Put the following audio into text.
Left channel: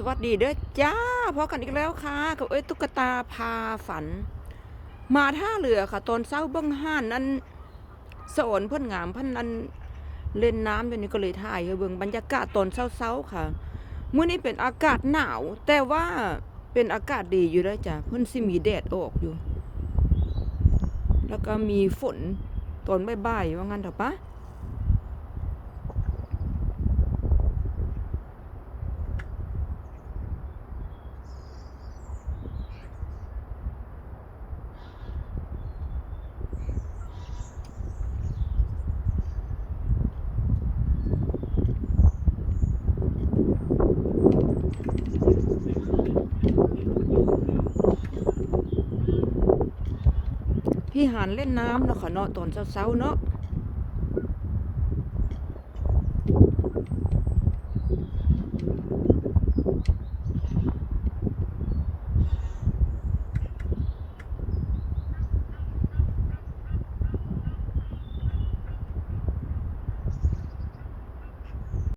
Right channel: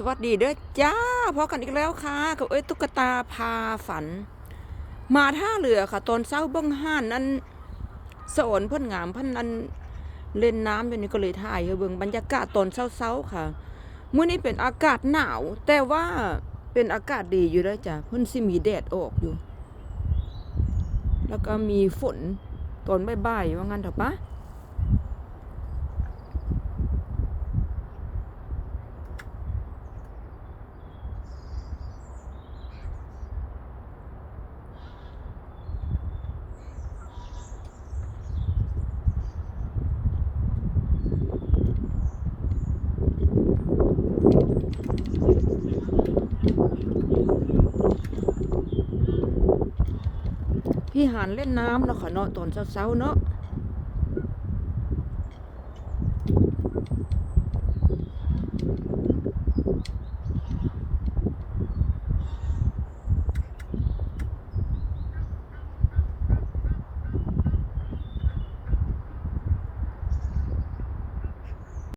สวัสดีเด้อจ้าพอกันอีกแล้วค่ะ กับเอ้ยตุ๊กตาพาฝัน มาท่าเรือค่ะ ตอนเช้าเบิ้งห้านนั้นสอนเพื่อนงามพันนั้นเล่นน้ำอยู่นี่ก็เลยถ่ายเบิ่งบรรยากาศตอนเช้าๆค่ะเมื้อนี้เป็นอากาศหนาว แต่ว่าเป็นอากาศดีอยู่แล้วจ้ะเพิ่นสิมีแดดออกอยู่ แล้วก็มีฝนตอนบ่ายๆว่างั้นเถอะปะ พี่หานเล่นน้ำเนาะค่ะเนาะตอนเช้าๆเนาะ